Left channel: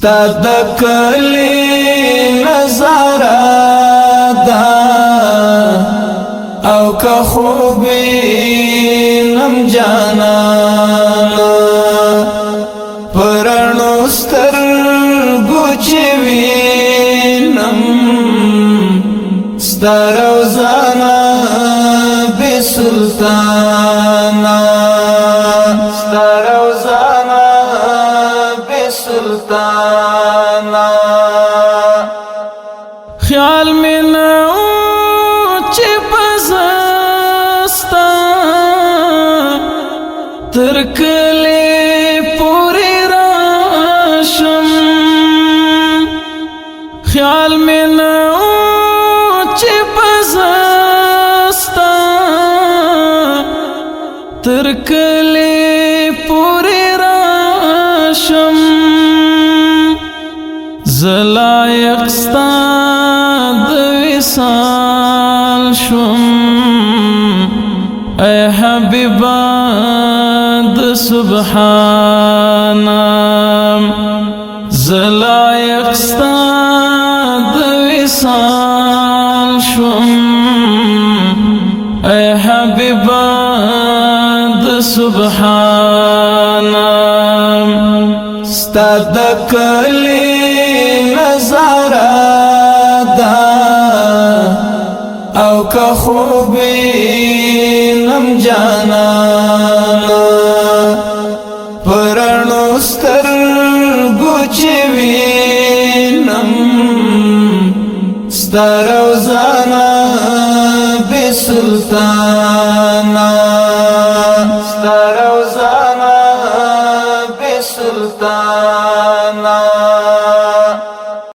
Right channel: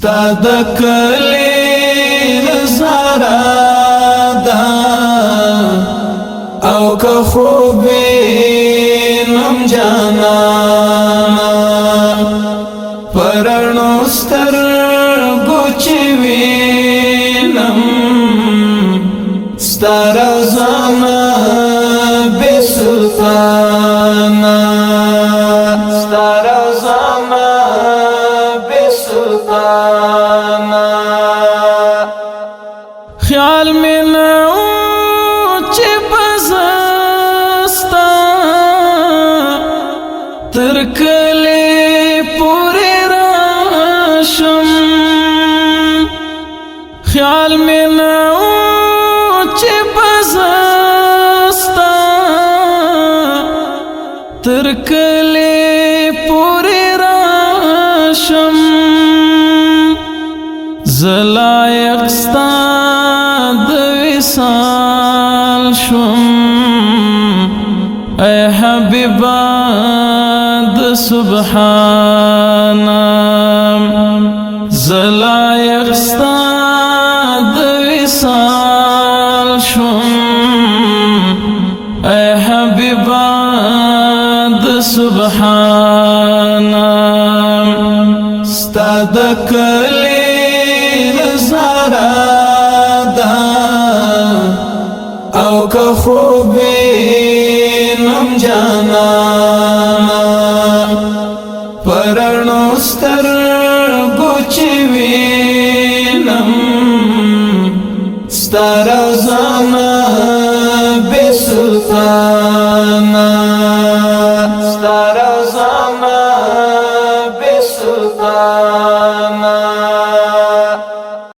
ستا د کلی نظاره ده او که خوبی نم جانانا پرنو سترگو چی وینم ستا روزانا بی سلطانا ستا روزانا بی سلطانا خیال میں نو چی بزستا ترکلی پوری راشم خیال میں نو چی بزستا ترکلی پوری راشم زلایق ستا د وصال شم اے حبیبا د سبحانا زلایق ستا د وصال شم اے حبیبا د سبحانا ستا د کلی نظاره ده او که خوبی نم جانا